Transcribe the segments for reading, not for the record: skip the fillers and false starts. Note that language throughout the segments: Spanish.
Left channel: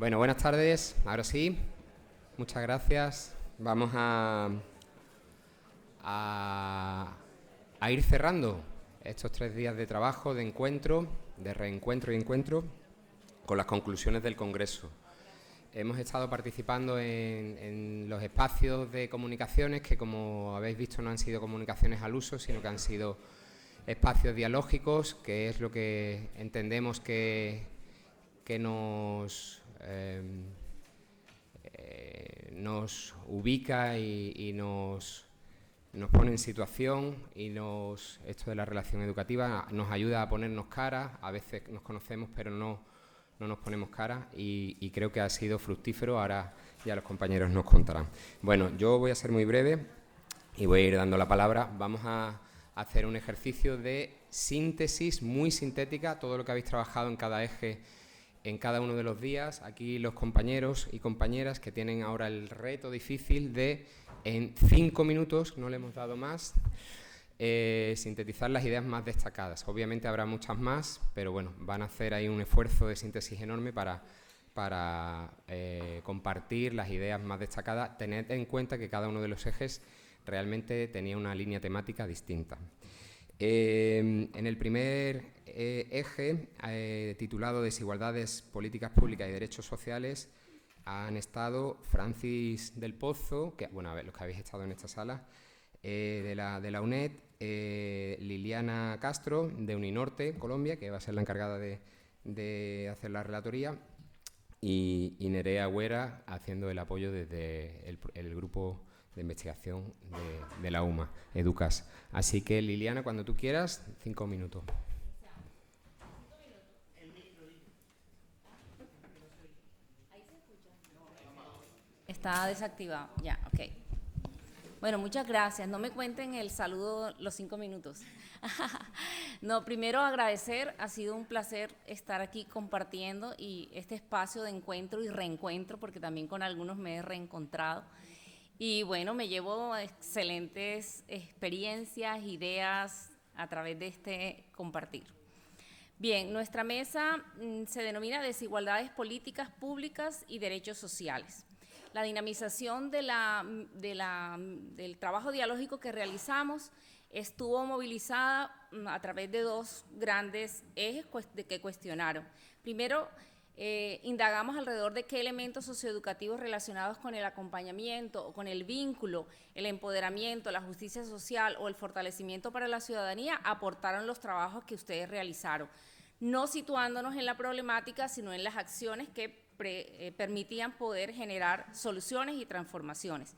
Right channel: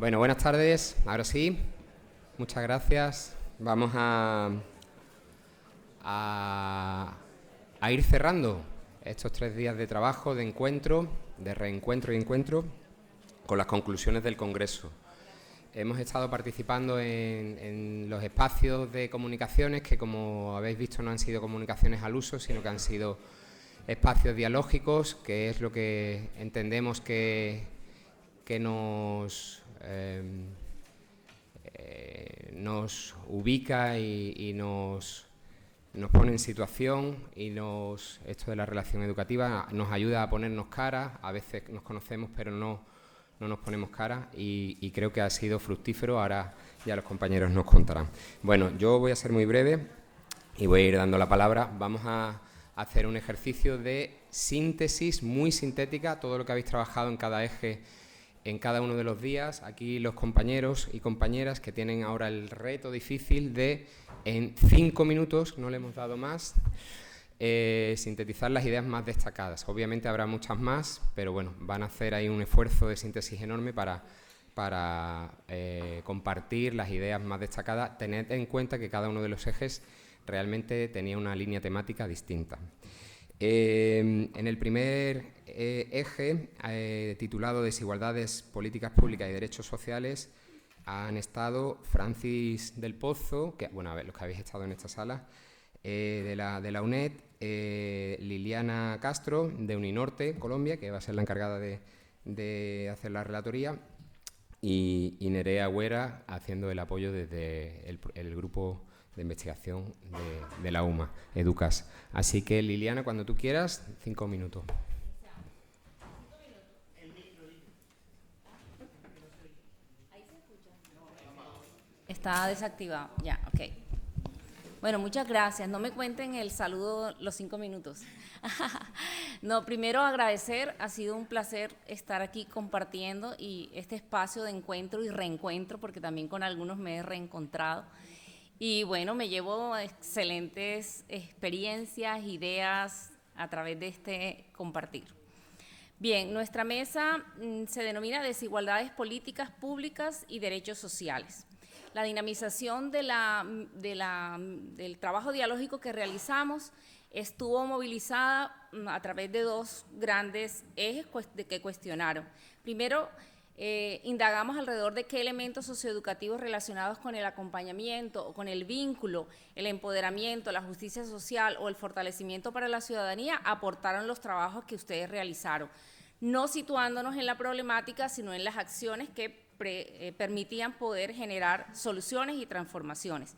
Bueno, buenas tardes. Ahora sí, muchas gracias. Vamos a ir cerrando estos 3 días de trabajo, de encuentro, de reencuentro y encuentro, con las conclusiones del Congreso. Hemos estado participando en los espacios de comunicaciones que, como habéis visto, no han sido comunicaciones al uso, sino que han sido espacios dialógicos, que es lo que entendemos que nos ubica y nos pone en situación, y esto de la relación educativa nos ayuda a ponernos cara. A veces nos conocemos pero no nos ponemos cara, y creo que ha sido fructífero. Ahora ya los compañeros nos contarán. Bueno, yo voy a ser muy breve y voy a ir dando la palabra. Vamos a hacer un ejercicio de síntesis muy sintética, todo lo que habéis trabajado en cada eje en cada uno de los días. Aquí los compañeros y compañeras que tienen ahora el reto difícil de, en 5 minutos, no le hemos dado más, sintetizar las ideas más destacadas. Obviamente habrá muchas más, pero bueno, van a hacer ahí un esfuerzo de síntesis enorme para compartir las ideas más destacadas. Tened en cuenta que cada uno de los ejes realmente tenía una línea temática distinta. En el primer eje, titulado Desigualdades, Políticas Públicas y Derechos Sociales, han estado Francis del Pozo, que, bueno, a ver, los que habéis estado en esta sala, de la UNED, Liliana Castro, de Uninorte, Colombia, que va a ser la encargada de hacer la relatoría, y Nerea Agüera, haciendo el apoyo desde el grupo de investigación de la UMA, Educas. Así que, Liliana, cuando tú quieras, 5 minutos. Está desactivado, ya, ok. Bueno, muchas gracias. No me cuenten el saludo los 5 minutos. No, primero agradecer, ha sido un placer estar aquí compartiendo y este espacio de encuentro y reencuentro, porque también con algunos me he reencontrado. Y bueno, me llevo excelentes experiencias, ideas a través de este compartir. Bien, nuestra mesa se denomina Desigualdades Políticas Públicas y Derechos Sociales. La dinamización del trabajo dialógico que realizamos estuvo movilizada a través de 2 grandes ejes que cuestionaron. Primero, indagamos alrededor de qué elementos socioeducativos relacionados con el acompañamiento o con el vínculo, el empoderamiento, la justicia social o el fortalecimiento para la ciudadanía aportaron los trabajos que ustedes realizaron, no situándonos en la problemática, sino en las acciones que permitían poder generar soluciones y transformaciones.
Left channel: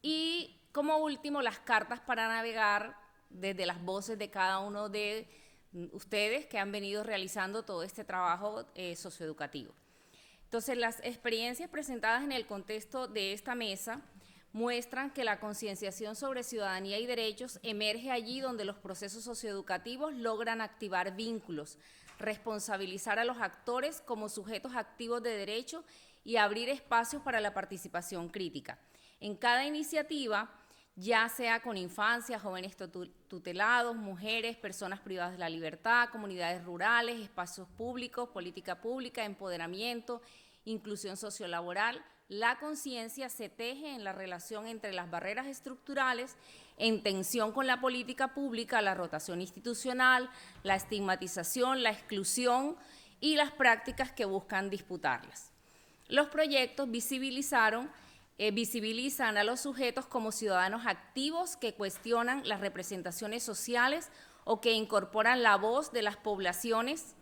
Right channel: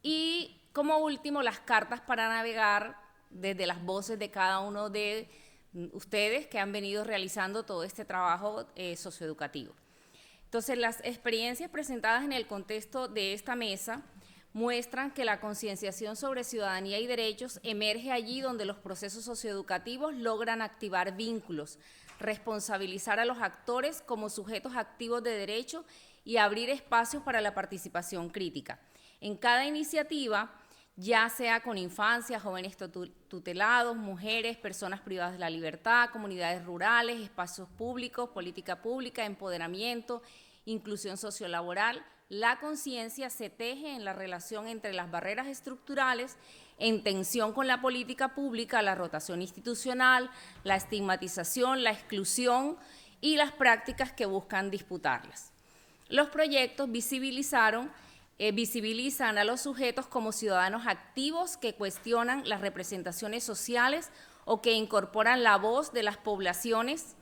Y como último, las cartas para navegar desde las voces de cada uno de ustedes que han venido realizando todo este trabajo socioeducativo. Entonces, las experiencias presentadas en el contexto de esta mesa muestran que la concienciación sobre ciudadanía y derechos emerge allí donde los procesos socioeducativos logran activar vínculos, responsabilizar a los actores como sujetos activos de derecho y abrir espacios para la participación crítica. En cada iniciativa, ya sea con infancias, jóvenes tutelados, mujeres, personas privadas de la libertad, comunidades rurales, espacios públicos, política pública, empoderamiento, inclusión sociolaboral, la conciencia se teje en la relación entre las barreras estructurales, en tensión con la política pública, la rotación institucional, la estigmatización, la exclusión y las prácticas que buscan disputarlas. Los proyectos visibilizan a los sujetos como ciudadanos activos que cuestionan las representaciones sociales o que incorporan la voz de las poblaciones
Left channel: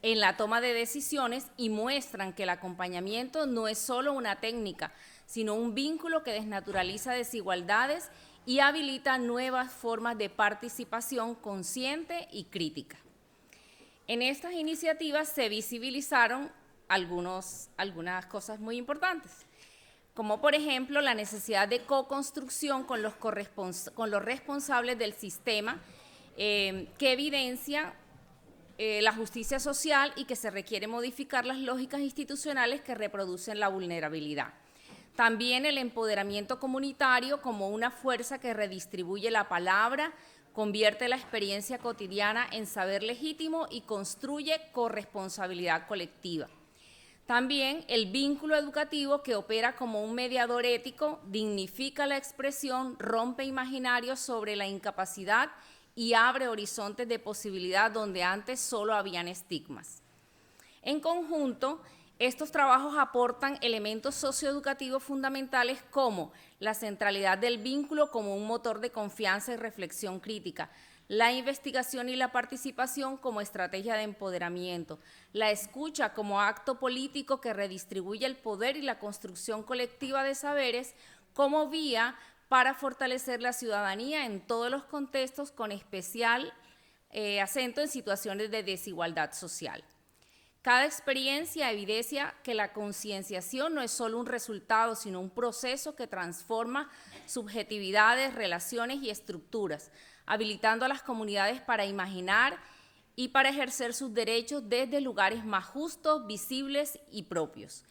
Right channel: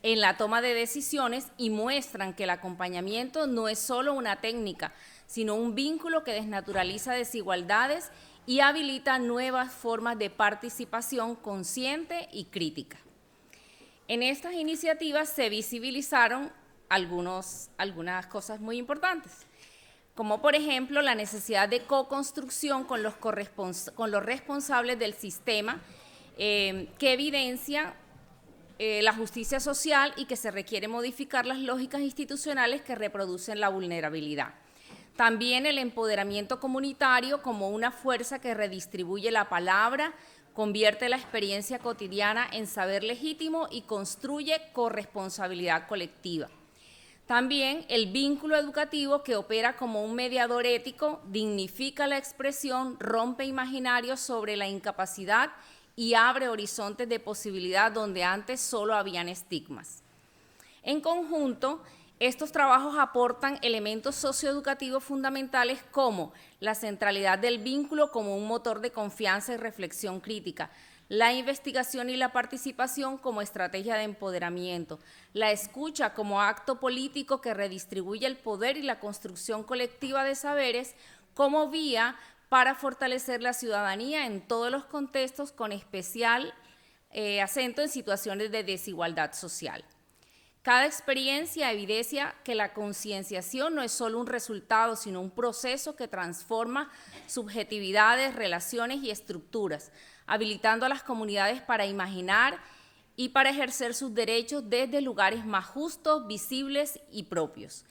en la toma de decisiones y muestran que el acompañamiento no es solo una técnica, sino un vínculo que desnaturaliza desigualdades y habilita nuevas formas de participación consciente y crítica. En estas iniciativas se visibilizaron algunas cosas muy importantes, como por ejemplo la necesidad de co-construcción con los responsables del sistema, que evidencia la justicia social y que se requiere modificar las lógicas institucionales que reproducen la vulnerabilidad. También el empoderamiento comunitario como una fuerza que redistribuye la palabra, convierte la experiencia cotidiana en saber legítimo y construye corresponsabilidad colectiva. También el vínculo educativo, que opera como un mediador ético, dignifica la expresión, rompe imaginarios sobre la incapacidad y abre horizontes de posibilidad donde antes solo habían estigmas. En conjunto, estos trabajos aportan elementos socioeducativos fundamentales como la centralidad del vínculo como un motor de confianza y reflexión crítica, la investigación y la participación como estrategia de empoderamiento, la escucha como acto político que redistribuye el poder y la construcción colectiva de saberes como vía para fortalecer la ciudadanía en todos los contextos, con especial acento en situaciones de desigualdad social. Cada experiencia evidencia que la concienciación no es solo un resultado, sino un proceso que transforma subjetividades, relaciones y estructuras, habilitando a las comunidades para imaginar y para ejercer sus derechos desde lugares más justos, visibles y propios.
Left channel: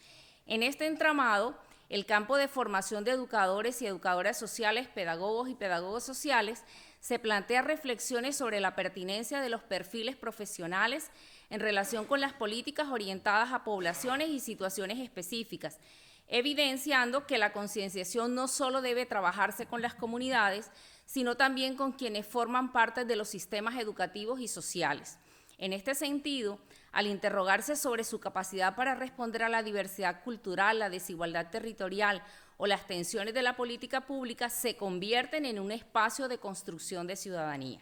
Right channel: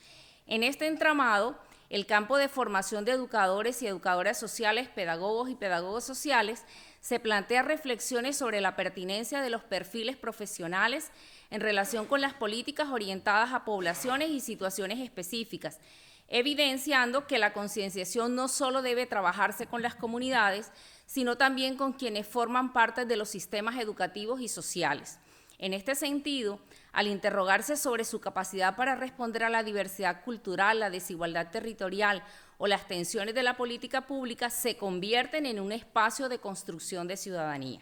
En este entramado, el campo de formación de educadores y educadoras sociales, pedagogos y pedagogos sociales, se plantea reflexiones sobre la pertinencia de los perfiles profesionales en relación con las políticas orientadas a poblaciones y situaciones específicas, evidenciando que la concienciación no solo debe trabajarse con las comunidades, sino también con quienes forman parte de los sistemas educativos y sociales. En este sentido, al interrogarse sobre su capacidad para responder a la diversidad cultural, la desigualdad territorial o las tensiones de la política pública, se convierten en un espacio de construcción de ciudadanía.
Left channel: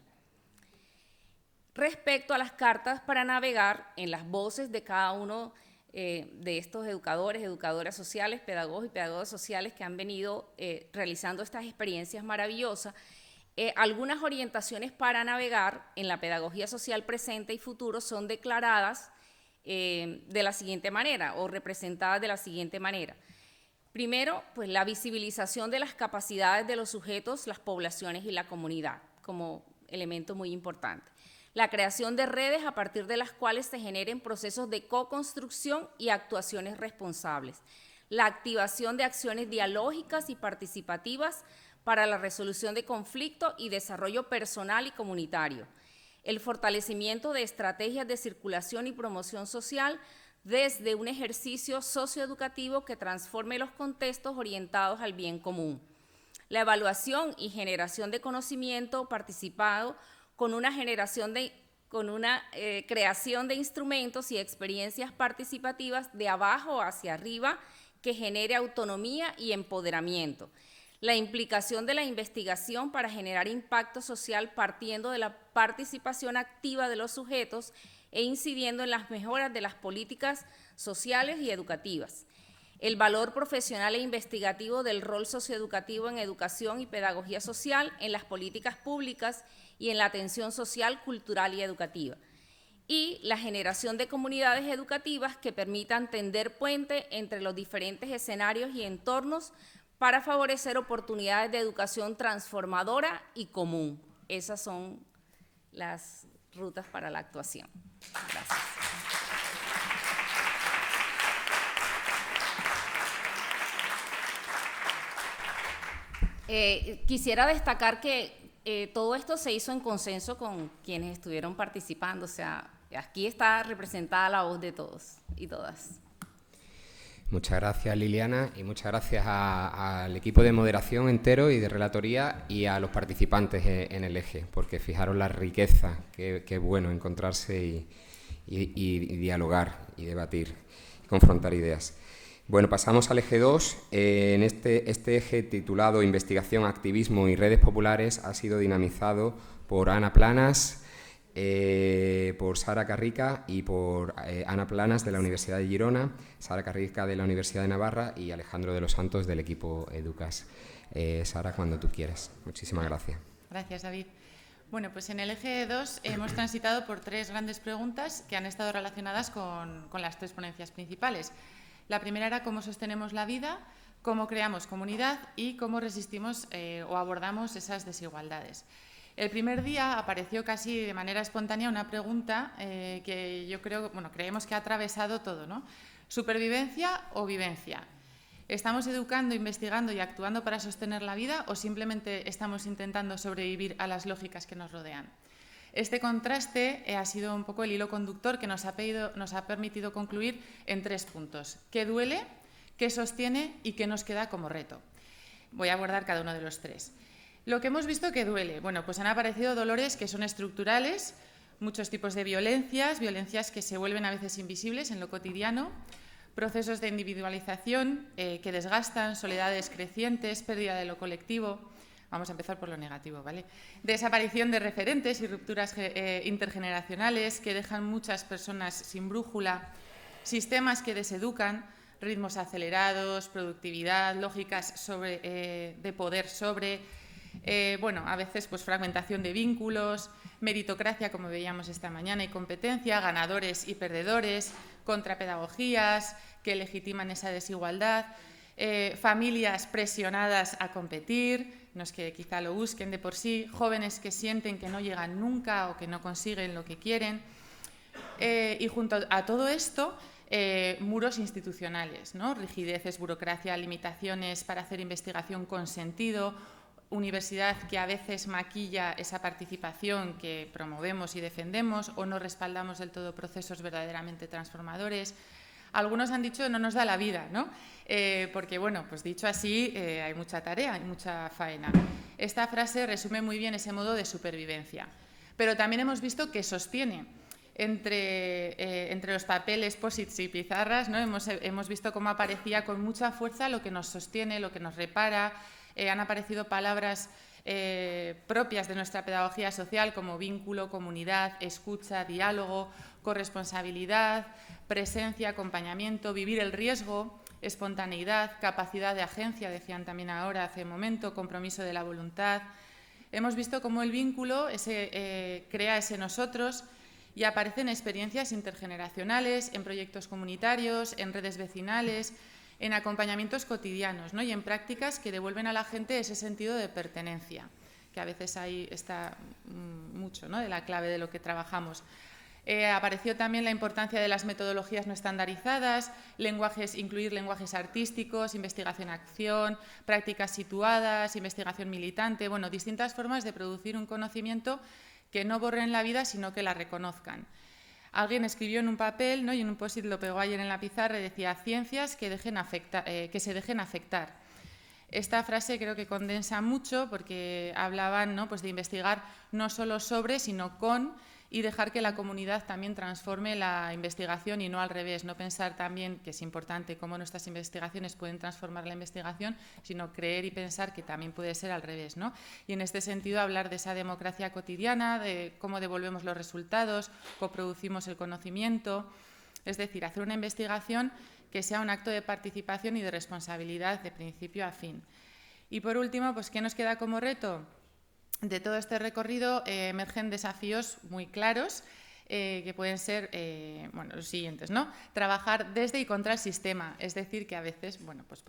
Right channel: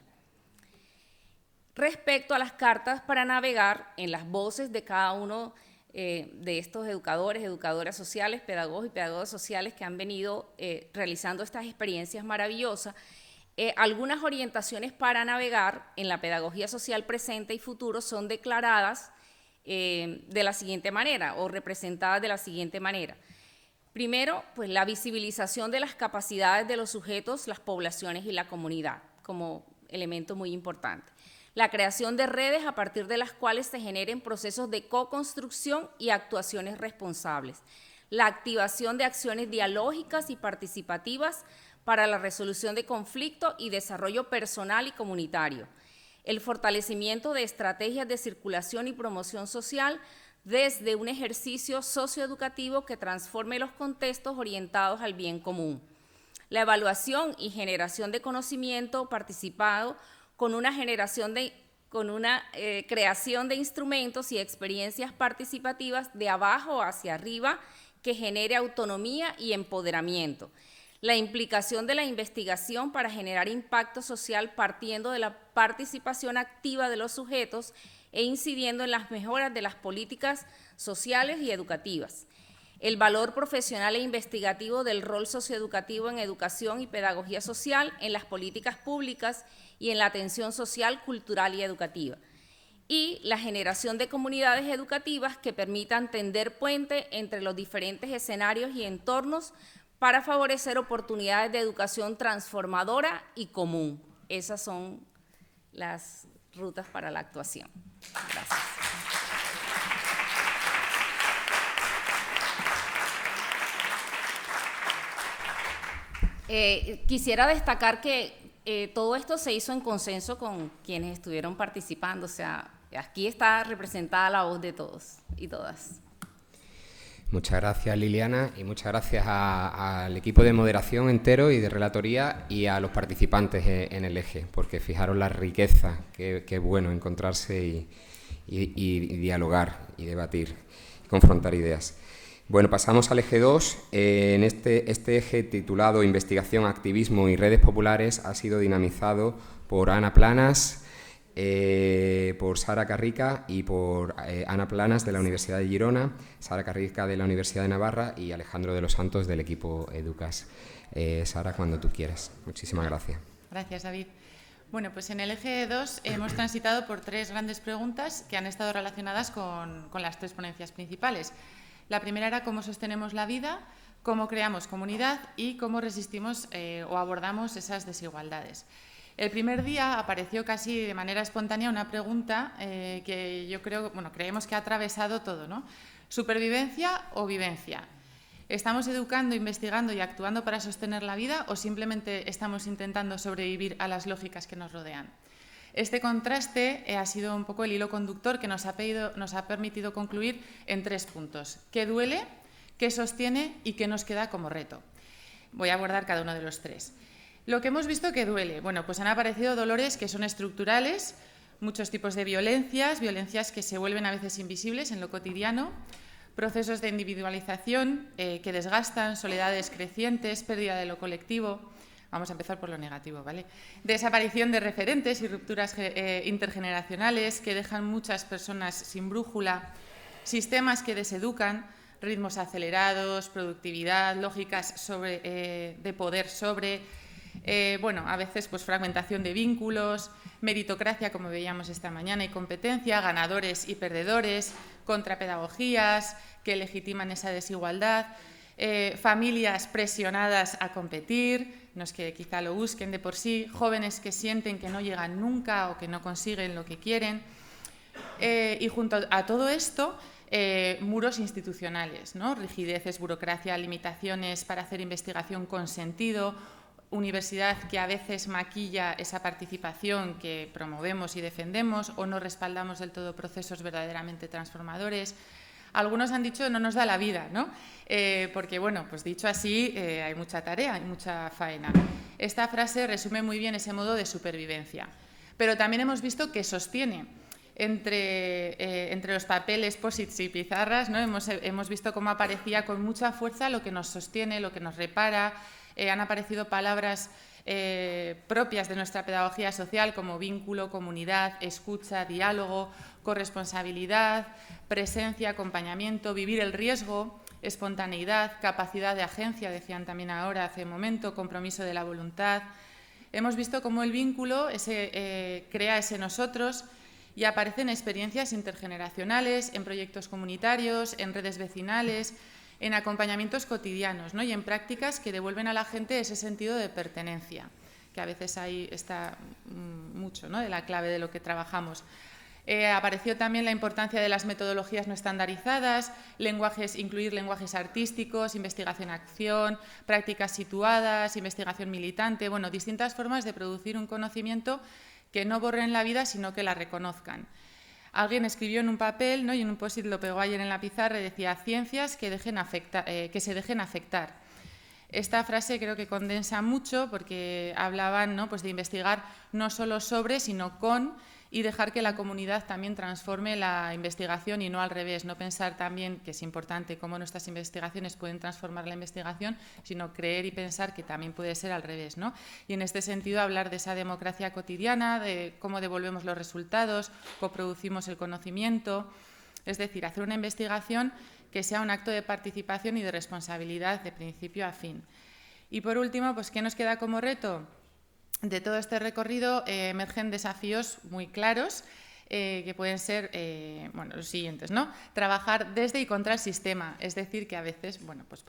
Respecto a las cartas para navegar, en las voces de cada uno de estos educadores, educadoras sociales, pedagogos y pedagogas sociales que han venido realizando estas experiencias maravillosas, algunas orientaciones para navegar en la pedagogía social presente y futuro son declaradas de la siguiente manera o representadas de la siguiente manera. Primero, pues la visibilización de las capacidades de los sujetos, las poblaciones y la comunidad como elemento muy importante. La creación de redes a partir de las cuales se generen procesos de co-construcción y actuaciones responsables. La activación de acciones dialógicas y participativas para la resolución de conflictos y desarrollo personal y comunitario. El fortalecimiento de estrategias de circulación y promoción social desde un ejercicio socioeducativo que transforme los contextos orientados al bien común. La evaluación y generación de conocimiento participado con una creación de instrumentos y experiencias participativas de abajo hacia arriba que genere autonomía y empoderamiento. La implicación de la investigación para generar impacto social partiendo de la participación activa de los sujetos e incidiendo en las mejoras de las políticas sociales y educativas. El valor profesional e investigativo del rol socioeducativo en educación y pedagogía social en las políticas públicas y en la atención social, cultural y educativa. Y la generación de comunidades educativas que permitan tender puente entre los diferentes escenarios y entornos para favorecer oportunidades de educación transformadora y común. Esas son las rutas para la actuación. Gracias. Quisiera destacar que todo esto se hizo en consenso con quienes estuvieron participando, o sea, aquí está representada la voz de todos y todas. Muchas gracias, Liliana, y muchas gracias al equipo de moderación entero y de relatoría y a los participantes en el eje, porque fijaros la riqueza, que bueno encontrarse y dialogar y debatir y confrontar ideas. Bueno, pasamos al eje 2. En este eje titulado Investigación, Activismo y Redes Populares ha sido dinamizado por Ana Planas, por Sara Carrica y por Ana Planas de la Universidad de Girona, Sara Carrica de la Universidad de Navarra y Alejandro de los Santos del equipo Educas. Sara, cuando tú quieras. Muchísimas gracias. Gracias, David. Bueno, pues en el eje 2 hemos transitado por 3 grandes preguntas que han estado relacionadas con las 3 ponencias principales. La primera era cómo sostenemos la vida, cómo creamos comunidad y cómo resistimos o abordamos esas desigualdades. El primer día apareció casi de manera espontánea una pregunta que yo creemos que ha atravesado todo, ¿no? ¿Supervivencia o vivencia? ¿Estamos educando, investigando y actuando para sostener la vida o simplemente estamos intentando sobrevivir a las lógicas que nos rodean? Este contraste ha sido un poco el hilo conductor que nos ha permitido concluir en 3 puntos: qué duele, qué sostiene y qué nos queda como reto. Voy a abordar cada uno de los 3. Lo que hemos visto que duele, bueno, pues han aparecido dolores que son estructurales, muchos tipos de violencias que se vuelven a veces invisibles en lo cotidiano, procesos de individualización que desgastan, soledades crecientes, pérdida de lo colectivo. Vamos a empezar por lo negativo, ¿vale? Desaparición de referentes y rupturas intergeneracionales que dejan muchas personas sin brújula, sistemas que deseducan, ritmos acelerados, productividad, lógicas de poder bueno, a veces pues fragmentación de vínculos, meritocracia, como veíamos esta mañana, y competencia, ganadores y perdedores, contrapedagogías que legitiman esa desigualdad, familias presionadas a competir, no es que quizá lo busquen de por sí, jóvenes que sienten que no llegan nunca o que no consiguen lo que quieren. Y junto a todo esto, muros institucionales, ¿no? Rigideces, burocracia, limitaciones para hacer investigación con sentido, universidad que a veces maquilla esa participación que promovemos y defendemos o no respaldamos del todo procesos verdaderamente transformadores. Algunos han dicho no nos da la vida, ¿no? Porque, bueno, pues dicho así, hay mucha tarea, hay mucha faena. Esta frase resume muy bien ese modo de supervivencia. Pero también hemos visto que sostiene. Entre los papeles, posits y pizarras, ¿no? Hemos visto cómo aparecía con mucha fuerza lo que nos sostiene, lo que nos repara. Han aparecido palabras propias de nuestra pedagogía social como vínculo, comunidad, escucha, diálogo, corresponsabilidad, presencia, acompañamiento, vivir el riesgo, espontaneidad, capacidad de agencia, decían también ahora hace un momento, compromiso de la voluntad. Hemos visto cómo el vínculo crea ese nosotros y aparecen experiencias intergeneracionales, en proyectos comunitarios, en redes vecinales, en acompañamientos cotidianos, ¿no? Y en prácticas que devuelven a la gente ese sentido de pertenencia, que a veces ahí está mucho, ¿no? De la clave de lo que trabajamos. Apareció también la importancia de las metodologías no estandarizadas, incluir lenguajes artísticos, investigación-acción, prácticas situadas, investigación militante, bueno, distintas formas de producir un conocimiento que no borren la vida, sino que la reconozcan. Alguien escribió en un papel, ¿no? Y en un post-it lo pegó ayer en la pizarra y decía ciencias que se dejen afectar. Esta frase creo que condensa mucho porque hablaban, ¿no? Pues de investigar no solo sobre, sino con, y dejar que la comunidad también transforme la investigación y no al revés. No pensar también que es importante cómo nuestras investigaciones pueden transformar la investigación, sino creer y pensar que también puede ser al revés, ¿no? Y en este sentido hablar de esa democracia cotidiana, de cómo devolvemos los resultados, coproducimos el conocimiento, es decir, hacer una investigación que sea un acto de participación y de responsabilidad de principio a fin. Y por último, pues ¿qué nos queda como reto? De todo este recorrido emergen desafíos muy claros que pueden ser bueno, los siguientes, ¿no? Trabajar desde y contra el sistema, es decir, que a veces bueno, pues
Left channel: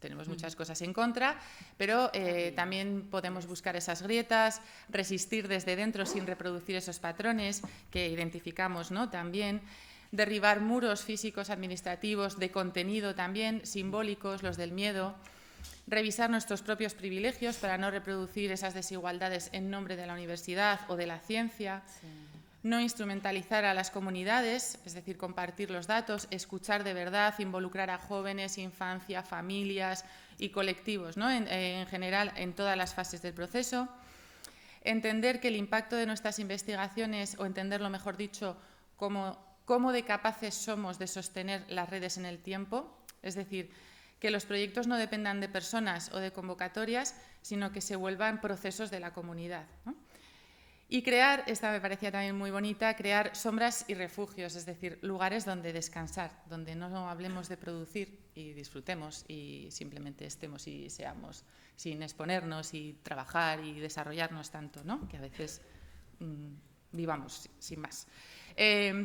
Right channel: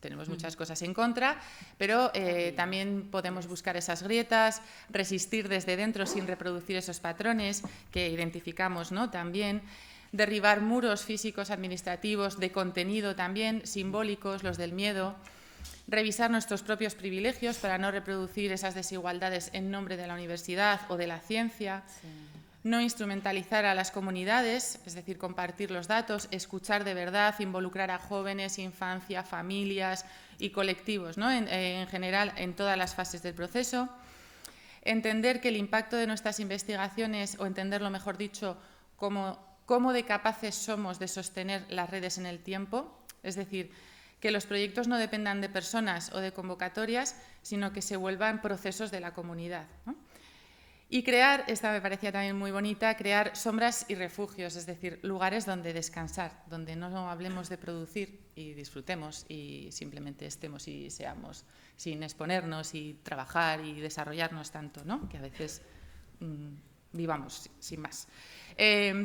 tenemos muchas cosas en contra, pero también podemos buscar esas grietas, resistir desde dentro sin reproducir esos patrones que identificamos, ¿no? También derribar muros físicos, administrativos, de contenido también, simbólicos, los del miedo. Revisar nuestros propios privilegios para no reproducir esas desigualdades en nombre de la universidad o de la ciencia. Sí. No instrumentalizar a las comunidades, es decir, compartir los datos, escuchar de verdad, involucrar a jóvenes, infancia, familias y colectivos, ¿no? En general, en todas las fases del proceso. Entender que el impacto de nuestras investigaciones, o entenderlo mejor dicho, cómo de capaces somos de sostener las redes en el tiempo, es decir, que los proyectos no dependan de personas o de convocatorias, sino que se vuelvan procesos de la comunidad, ¿no? Y crear, esta me parecía también muy bonita, crear sombras y refugios, es decir, lugares donde descansar, donde no hablemos de producir y disfrutemos y simplemente estemos y seamos sin exponernos y trabajar y desarrollarnos tanto, ¿no? Que a veces vivamos sin más.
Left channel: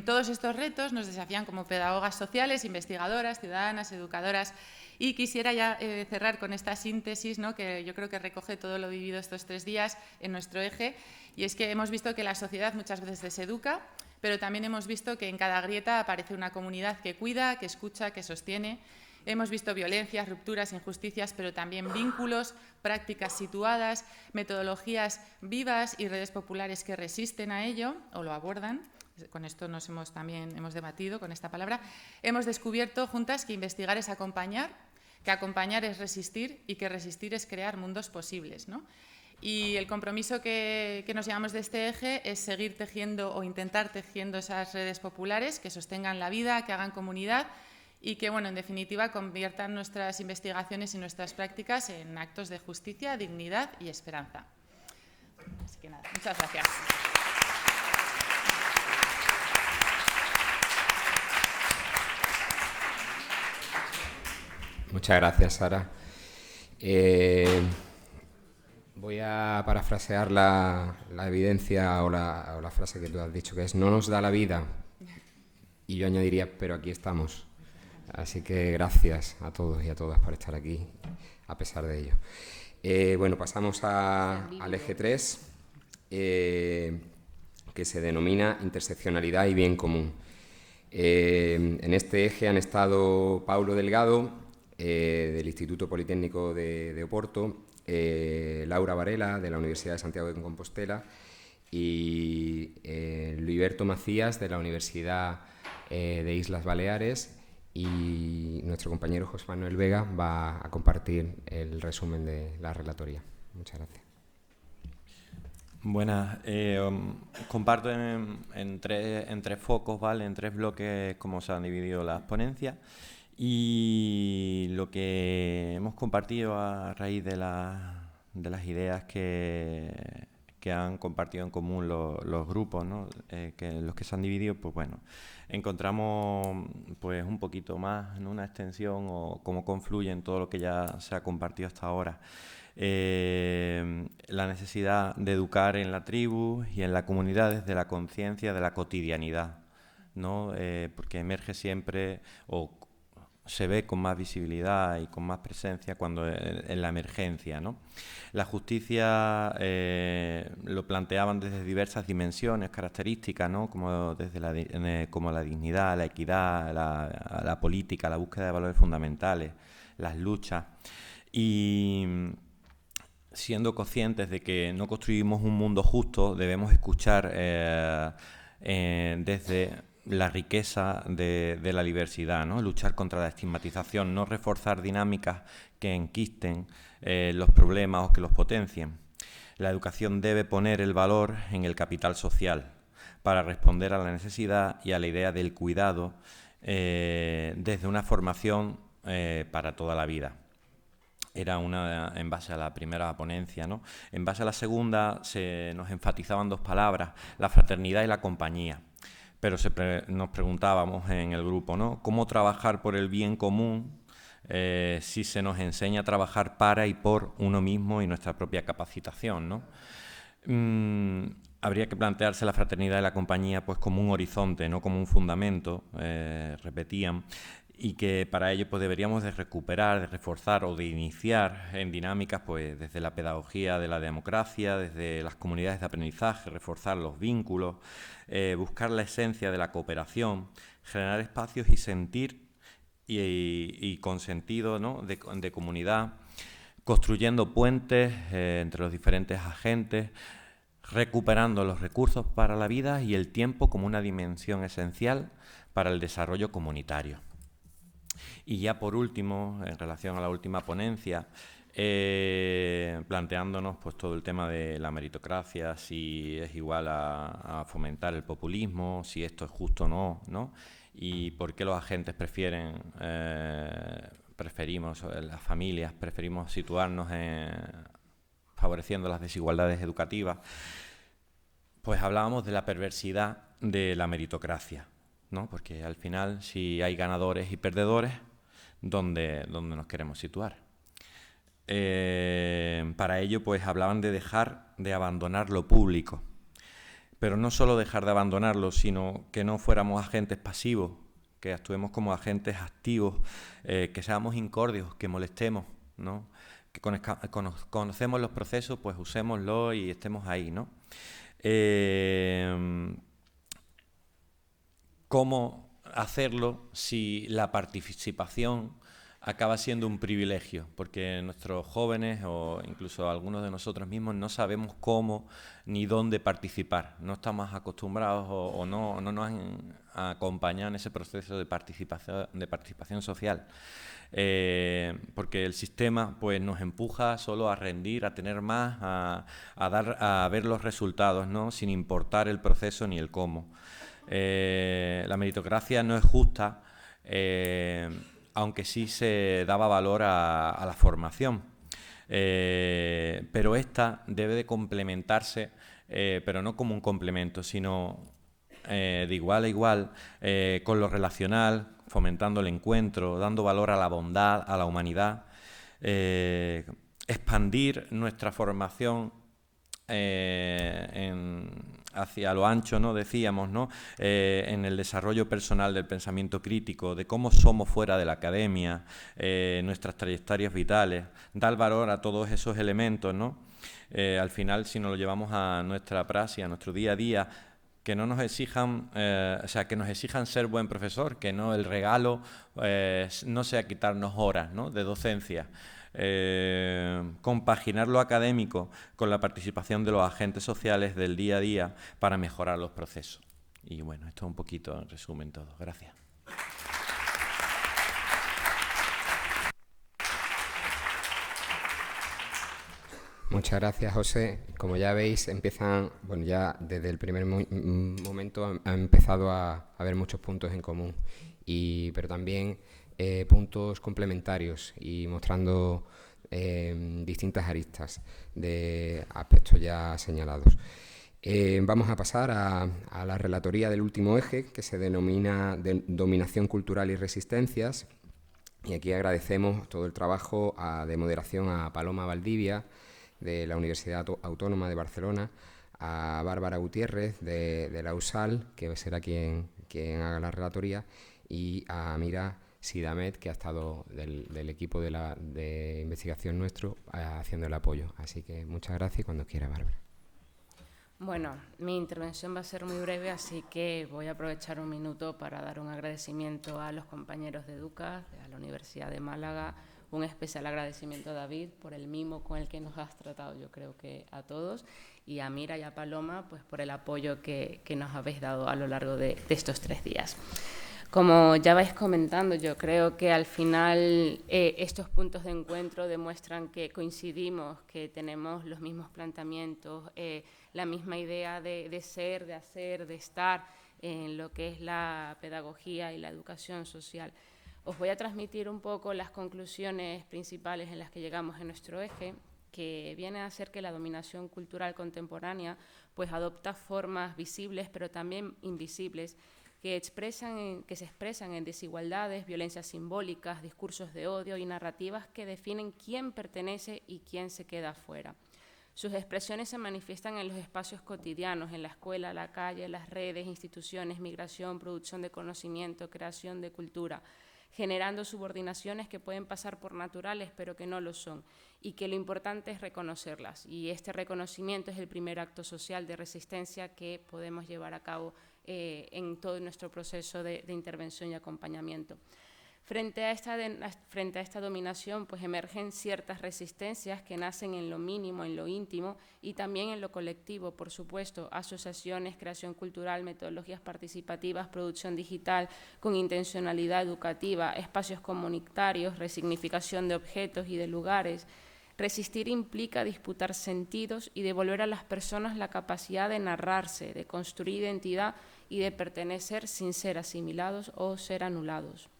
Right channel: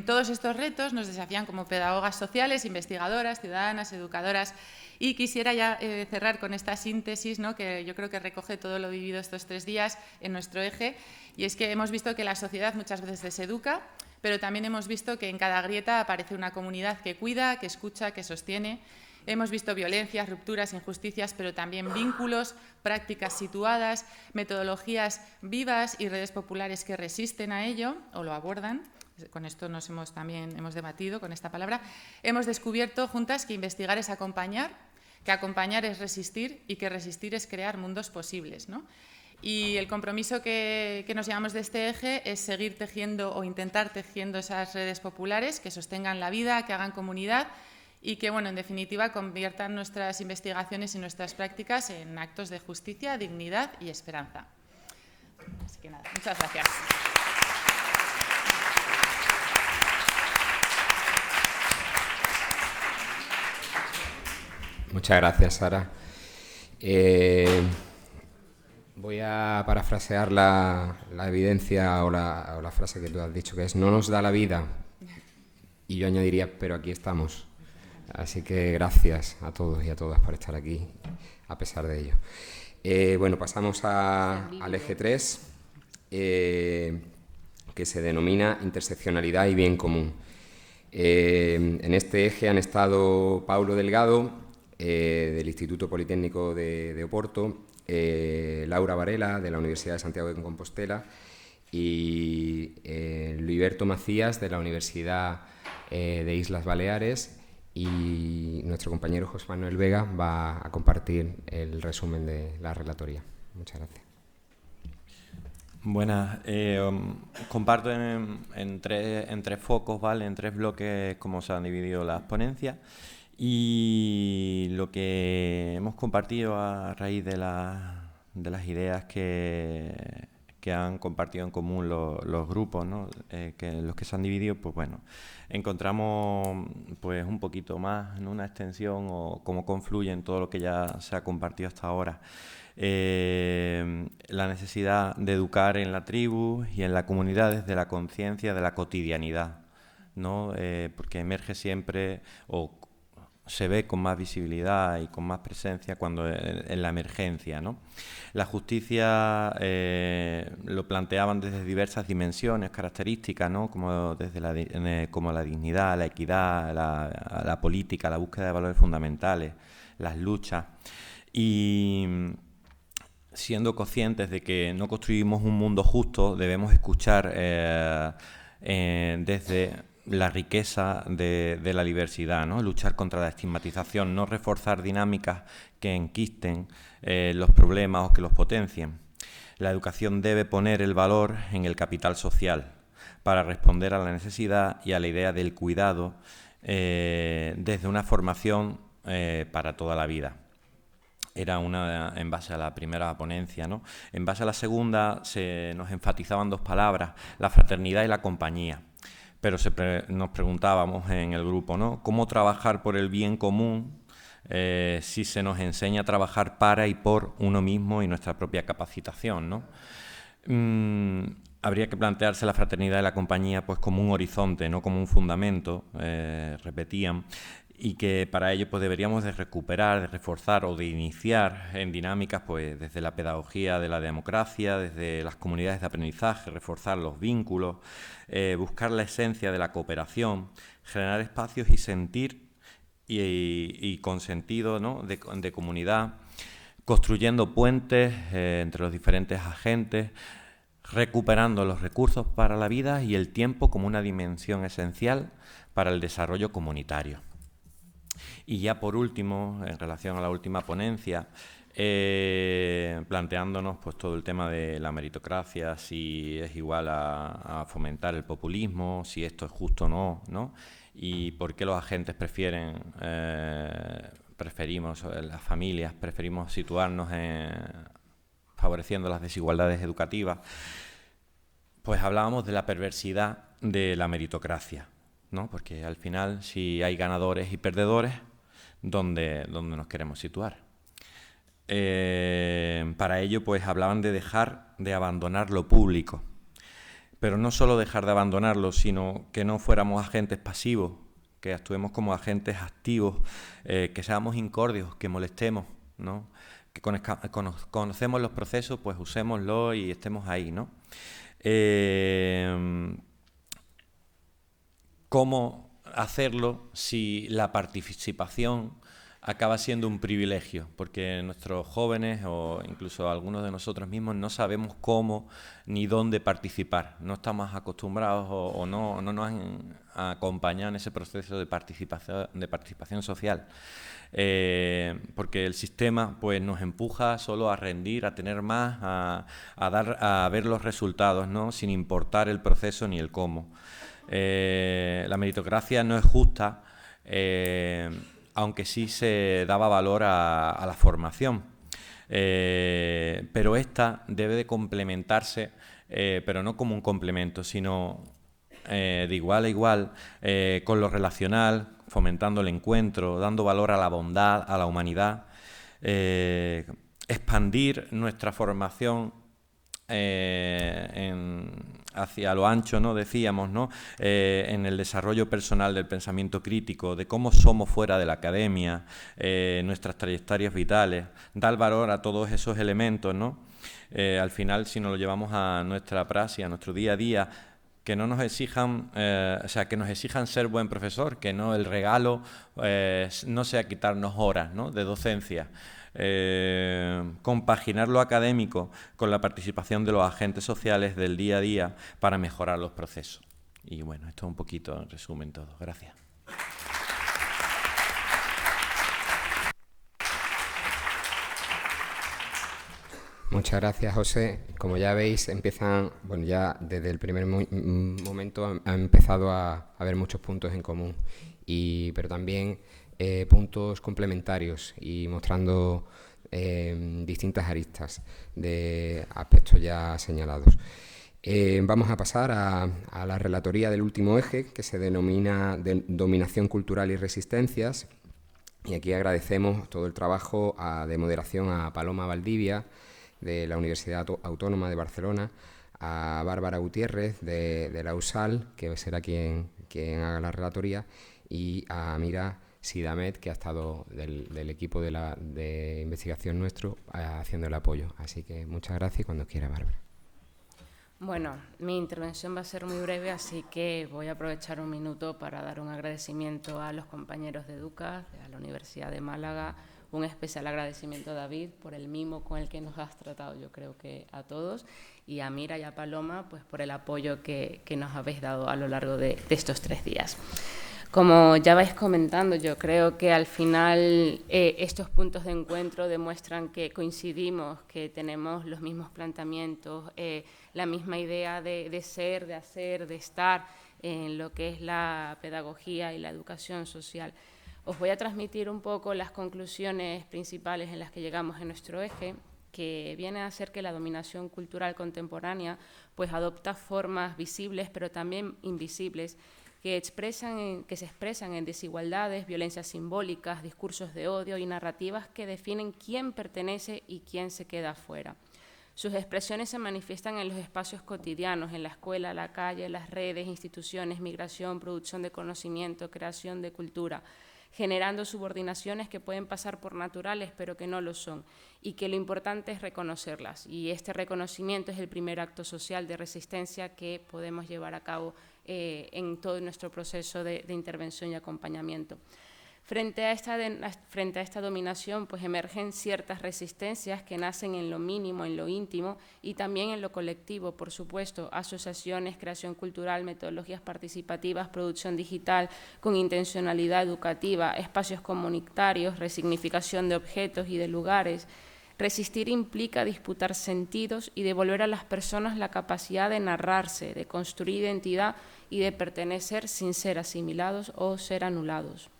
Todos estos retos nos desafían como pedagogas sociales, investigadoras, ciudadanas, educadoras. Y quisiera ya cerrar con esta síntesis, ¿no? Que yo creo que recoge todo lo vivido estos 3 días en nuestro eje, y es que hemos visto que la sociedad muchas veces deseduca, pero también hemos visto que en cada grieta aparece una comunidad que cuida, que escucha, que sostiene, Hemos visto violencias, rupturas, injusticias, pero también vínculos, prácticas situadas, metodologías vivas y redes populares que resisten a ello o lo abordan. Con esto también hemos debatido con esta palabra. Hemos descubierto juntas que investigar es acompañar, que acompañar es resistir y que resistir es crear mundos posibles, ¿no? Y el compromiso que nos llevamos de este eje es seguir tejiendo o intentar tejiendo esas redes populares que sostengan la vida, que hagan comunidad y que, bueno, en definitiva, conviertan nuestras investigaciones y nuestras prácticas en actos de justicia, dignidad y esperanza. Así que nada, muchas gracias. Muchas gracias, Sara. Voy a parafrasear la evidencia o la frase que tú has dicho, que es: no nos da la vida. Y yo añadiría: pero aquí estamos. Así que gracias a todos y a todas por estar aquí, a pesar de ello. Bueno, pasamos al eje 3, que se denomina interseccionalidad y bien común. En este eje han estado Paulo Delgado, del Instituto Politécnico de Oporto, Laura Varela, de la Universidad de Santiago de Compostela, y Luiberto Macías, de la Universidad de Islas Baleares, y nuestro compañero José Manuel Vega va a compartir el resumen de la relatoría. Muchas gracias. Buenas. Comparto en tres focos, ¿vale? En tres bloques cómo se han dividido las ponencias. Y lo que hemos compartido a raíz de las ideas que han compartido en común los grupos, ¿no? Que los que se han dividido, pues bueno, encontramos pues un poquito más en una extensión o cómo confluye en todo lo que ya se ha compartido hasta ahora. La necesidad de educar en la tribu y en la comunidad desde la conciencia de la cotidianidad, ¿no? Porque emerge siempre o se ve con más visibilidad y con más presencia cuando en la emergencia, ¿no? La justicia lo planteaban desde diversas dimensiones, características, ¿no? Como la dignidad, la equidad, la política, la búsqueda de valores fundamentales, las luchas. Y siendo conscientes de que no construimos un mundo justo, debemos escuchar desde la riqueza de la diversidad, ¿no? Luchar contra la estigmatización, no reforzar dinámicas que enquisten los problemas o que los potencien. La educación debe poner el valor en el capital social para responder a la necesidad y a la idea del cuidado desde una formación para toda la vida. Era en base a la primera ponencia, ¿no? En base a la segunda nos enfatizaban dos palabras: la fraternidad y la compañía. Pero nos preguntábamos en el grupo, ¿no? ¿Cómo trabajar por el bien común si se nos enseña a trabajar para y por uno mismo y nuestra propia capacitación, ¿no? Habría que plantearse la fraternidad y la compañía pues como un horizonte, no como un fundamento, repetían, y que para ello pues deberíamos de recuperar, de reforzar o de iniciar en dinámicas pues desde la pedagogía de la democracia, desde las comunidades de aprendizaje, reforzar los vínculos, buscar la esencia de la cooperación, generar espacios y sentir y con sentido, ¿no? de comunidad, construyendo puentes entre los diferentes agentes, recuperando los recursos para la vida y el tiempo como una dimensión esencial para el desarrollo comunitario. Y ya por último, en relación a la última ponencia, planteándonos pues todo el tema de la meritocracia, si es igual a fomentar el populismo, si esto es justo o no, ¿no? Y por qué los agentes preferimos, las familias, preferimos situarnos favoreciendo las desigualdades educativas. Pues hablábamos de la perversidad de la meritocracia, ¿no? Porque al final, si hay ganadores y perdedores, ¿dónde nos queremos situar? Para ello, pues hablaban de dejar de abandonar lo público, pero no solo dejar de abandonarlo, sino que no fuéramos agentes pasivos, que actuemos como agentes activos, que seamos incordios, que molestemos, ¿no? Que conocemos los procesos, pues usémoslo y estemos ahí, ¿no? ¿Cómo hacerlo si la participación acaba siendo un privilegio, porque nuestros jóvenes o incluso algunos de nosotros mismos no sabemos cómo ni dónde participar. No estamos acostumbrados o no nos han acompañado en ese proceso de participación social. Porque el sistema pues nos empuja solo a rendir, a tener más, a ver los resultados, ¿no? Sin importar el proceso ni el cómo. La meritocracia no es justa, aunque sí se daba valor a la formación. Pero esta debe de complementarse, pero no como un complemento, sino de igual a igual, con lo relacional, fomentando el encuentro, dando valor a la bondad, a la humanidad, expandir nuestra formación hacia lo ancho, ¿no? Decíamos, ¿no? En el desarrollo personal del pensamiento crítico, de cómo somos fuera de la academia, nuestras trayectorias vitales, dar valor a todos esos elementos, ¿no? Al final, si nos lo llevamos a nuestra praxis, a nuestro día a día, que no nos exijan, que nos exijan ser buen profesor, que no el regalo no sea quitarnos horas, ¿no? De docencia. Compaginar lo académico con la participación de los agentes sociales del día a día para mejorar los procesos. Y bueno, esto es un poquito en resumen todo. Gracias. Muchas gracias, José. Como ya veis, empiezan, bueno, ya desde el primer momento han empezado a haber muchos puntos en común, pero también puntos complementarios y mostrando distintas aristas de aspectos ya señalados. Vamos a pasar a la relatoría del último eje, que se denomina Dominación Cultural y Resistencias. Y aquí agradecemos todo el trabajo de moderación a Paloma Valdivia, de la Universidad Autónoma de Barcelona, a Bárbara Gutiérrez, de la USAL, que será quien haga la relatoría, y a Mira Sidamet, que ha estado del equipo de investigación nuestro, haciendo el apoyo. Así que muchas gracias y cuando quiera, Bárbara. Bueno, mi intervención va a ser muy breve, así que voy a aprovechar un minuto para dar un agradecimiento a los compañeros de EDUCA, a la Universidad de Málaga, un especial agradecimiento a David por el mimo con el que nos has tratado, yo creo que a todos, y a Mira y a Paloma pues por el apoyo que nos habéis dado a lo largo de estos 3 días. Como ya vais comentando, yo creo que al final estos puntos de encuentro demuestran que coincidimos, que tenemos los mismos planteamientos, la misma idea de ser, de hacer, de estar en lo que es la pedagogía y la educación social. Os voy a transmitir un poco las conclusiones principales en las que llegamos en nuestro eje, que viene a ser que la dominación cultural contemporánea pues adopta formas visibles pero también invisibles que se expresan en desigualdades, violencias simbólicas, discursos de odio y narrativas que definen quién pertenece y quién se queda afuera. Sus expresiones se manifiestan en los espacios cotidianos, en la escuela, la calle, las redes, instituciones, migración, producción de conocimiento, creación de cultura, generando subordinaciones que pueden pasar por naturales pero que no lo son, y que lo importante es reconocerlas. Y este reconocimiento es el primer acto social de resistencia que podemos llevar a cabo en todo nuestro proceso de intervención y acompañamiento. Frente a esta dominación, pues emergen ciertas resistencias que nacen en lo mínimo, en lo íntimo y también en lo colectivo, por supuesto, asociaciones, creación cultural, metodologías participativas, producción digital con intencionalidad educativa, espacios comunitarios, resignificación de objetos y de lugares. Resistir implica disputar sentidos y devolver a las personas la capacidad de narrarse, de construir identidad y de pertenecer sin ser asimilados o ser anulados.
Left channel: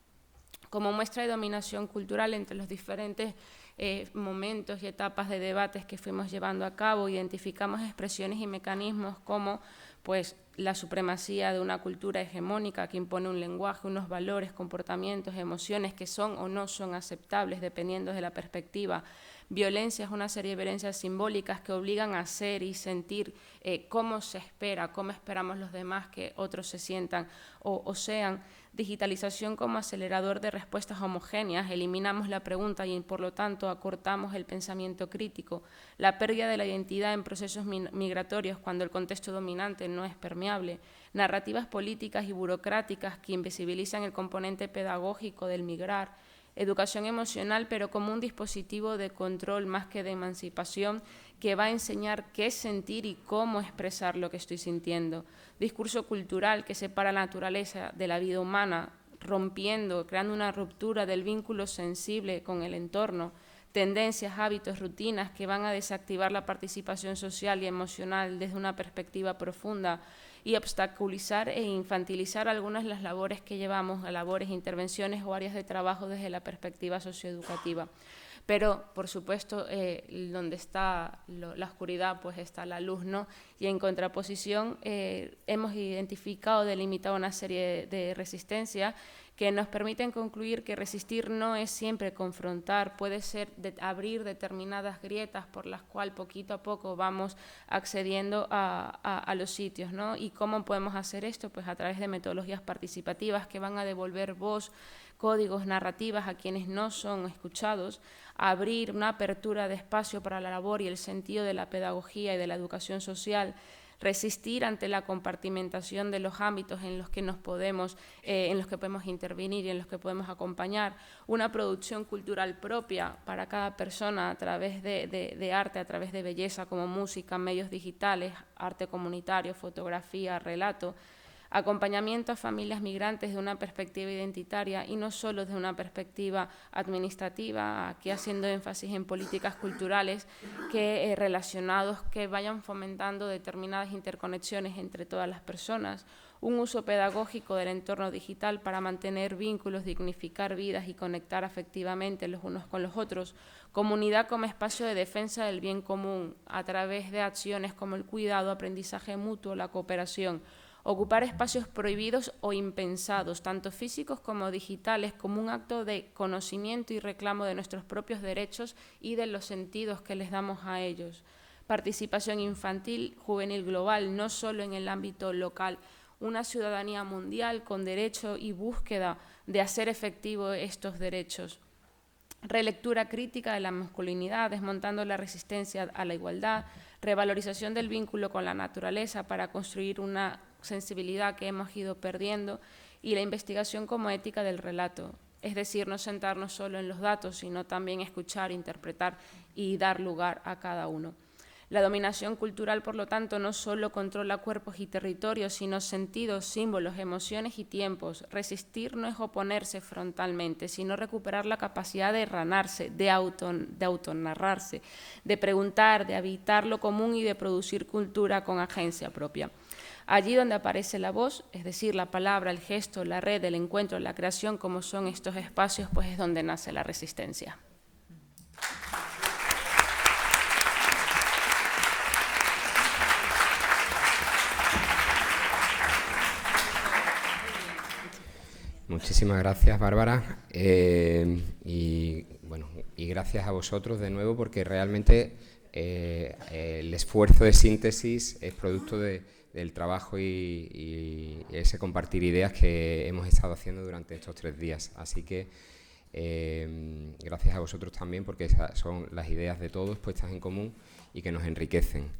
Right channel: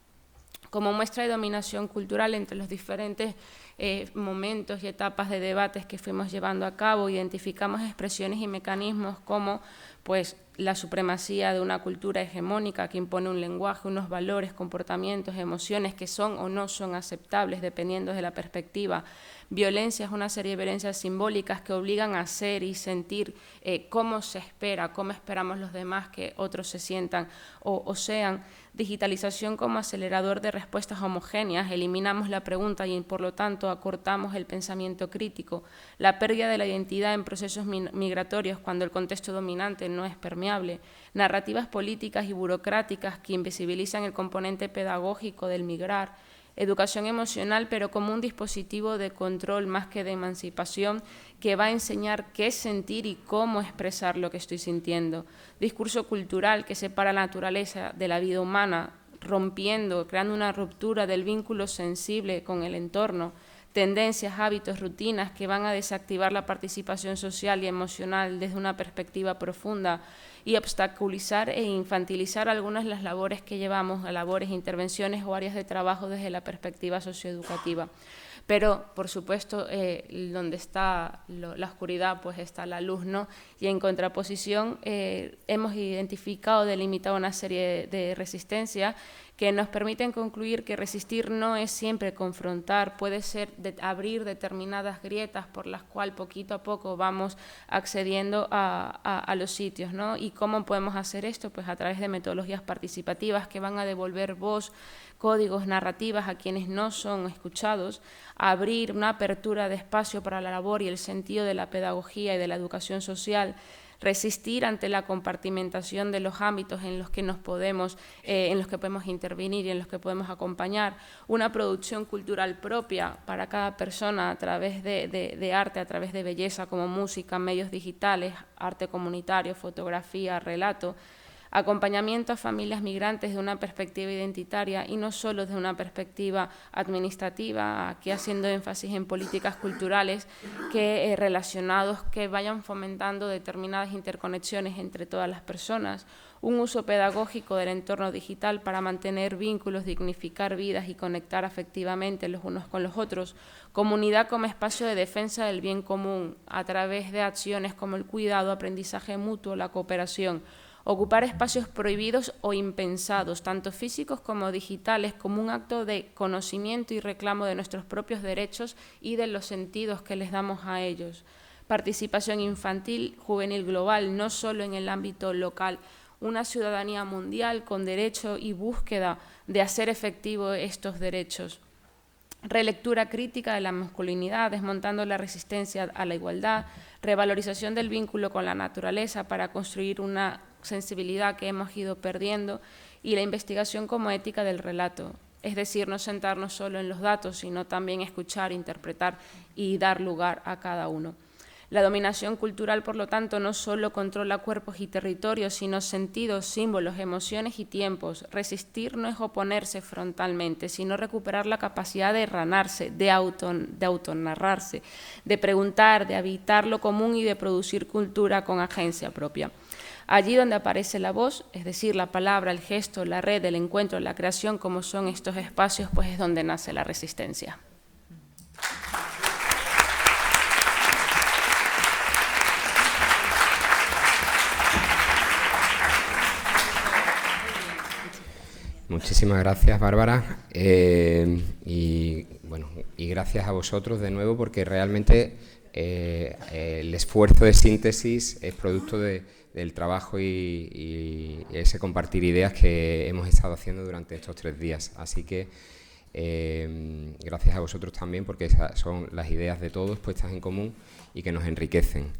Como muestra de dominación cultural entre los diferentes momentos y etapas de debates que fuimos llevando a cabo, identificamos expresiones y mecanismos como pues, la supremacía de una cultura hegemónica que impone un lenguaje, unos valores, comportamientos, emociones que son o no son aceptables dependiendo de la perspectiva. Violencias, una serie de violencias simbólicas que obligan a hacer y sentir cómo se espera, cómo esperamos los demás que otros se sientan o sean. Digitalización como acelerador de respuestas homogéneas, eliminamos la pregunta y por lo tanto acortamos el pensamiento crítico. La pérdida de la identidad en procesos migratorios cuando el contexto dominante no es permeable. Narrativas políticas y burocráticas que invisibilizan el componente pedagógico del migrar. educación emocional, pero como un dispositivo de control más que de emancipación, que va a enseñar qué sentir y cómo expresar lo que estoy sintiendo. Discurso cultural que separa la naturaleza de la vida humana, rompiendo, creando una ruptura del vínculo sensible con el entorno, tendencias, hábitos, rutinas que van a desactivar la participación social y emocional desde una perspectiva profunda y obstaculizar e infantilizar algunas de las labores que llevamos, labores, intervenciones o áreas de trabajo desde la perspectiva socioeducativa. Pero, por supuesto, donde está la oscuridad, pues está la luz, ¿no? Y en contraposición hemos identificado, delimitado una serie de resistencias que nos permiten concluir que resistir no es siempre confrontar, puede ser abrir determinadas grietas por las cuales poquito a poco vamos accediendo a los sitios, ¿no? ¿Y cómo podemos hacer esto? Pues a través de metodologías participativas que van a devolver voz, códigos, narrativas a quienes no son escuchados, a abrir una apertura de espacio para la labor y el sentido de la pedagogía y de la educación social, resistir ante la compartimentación de los ámbitos en los que podemos intervenir y en los que podemos acompañar, una producción cultural propia para cada persona a través de arte, a través de belleza como música, medios digitales, arte comunitario, fotografía, relato, acompañamiento a familias migrantes de una perspectiva identitaria y no solo desde una perspectiva administrativa, aquí haciendo énfasis en políticas culturales relacionados que vayan fomentando determinadas interconexiones entre todas las personas, un uso pedagógico del entorno digital para mantener vínculos, dignificar vidas y conectar afectivamente los unos con los otros, comunidad como espacio de defensa del bien común a través de acciones como el cuidado, aprendizaje mutuo, la cooperación, ocupar espacios prohibidos o impensados, tanto físicos como digitales, como un acto de conocimiento y reclamo de nuestros propios derechos y de los sentidos que les damos a ellos. Participación infantil, juvenil global, no solo en el ámbito local, una ciudadanía mundial con derecho y búsqueda de hacer efectivos estos derechos. Relectura crítica de la masculinidad, desmontando la resistencia a la igualdad, revalorización del vínculo con la naturaleza para construir una sensibilidad que hemos ido perdiendo y la investigación como ética del relato, es decir, no sentarnos solo en los datos, sino también escuchar, interpretar y dar lugar a cada uno. La dominación cultural, por lo tanto, no solo controla cuerpos y territorios, sino sentidos, símbolos, emociones y tiempos. Resistir no es oponerse frontalmente, sino recuperar la capacidad de ranarse, de autonarrarse, de preguntar, de habitar lo común y de producir cultura con agencia propia. Allí donde aparece la voz, es decir, la palabra, el gesto, la red, el encuentro, la creación, como son estos espacios, pues es donde nace la resistencia. Muchísimas gracias, Bárbara, y gracias a vosotros de nuevo, porque realmente el esfuerzo de síntesis es producto del trabajo y ese compartir ideas que hemos estado haciendo durante estos 3 días. Así que gracias a vosotros también, porque esas son las ideas de todos puestas en común y que nos enriquecen.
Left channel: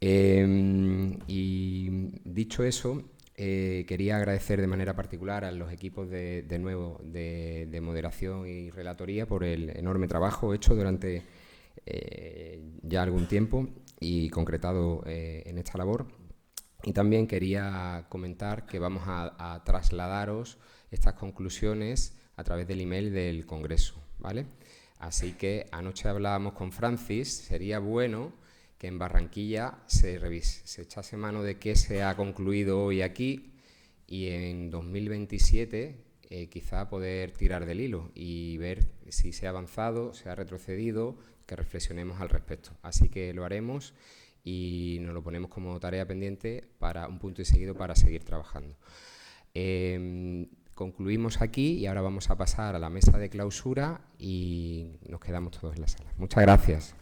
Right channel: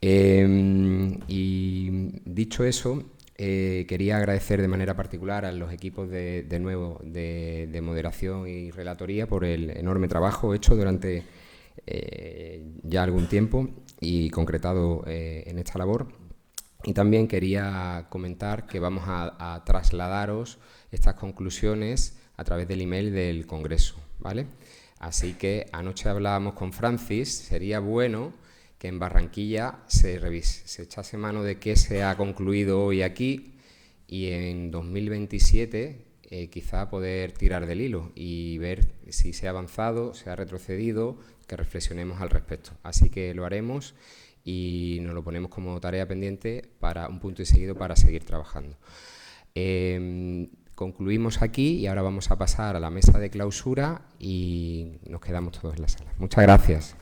Y dicho eso, quería agradecer de manera particular a los equipos de nuevo de moderación y relatoría por el enorme trabajo hecho durante ya algún tiempo y concretado en esta labor. Y también quería comentar que vamos a trasladaros estas conclusiones a través del email del Congreso, ¿vale? Así que anoche hablábamos con Francis, sería bueno que en Barranquilla se echase mano de qué se ha concluido hoy aquí y en 2027 quizá poder tirar del hilo y ver si se ha avanzado, se ha retrocedido, que reflexionemos al respecto. Así que lo haremos y nos lo ponemos como tarea pendiente para un punto y seguido para seguir trabajando. Concluimos aquí y ahora vamos a pasar a la mesa de clausura y nos quedamos todos en la sala. Muchas gracias.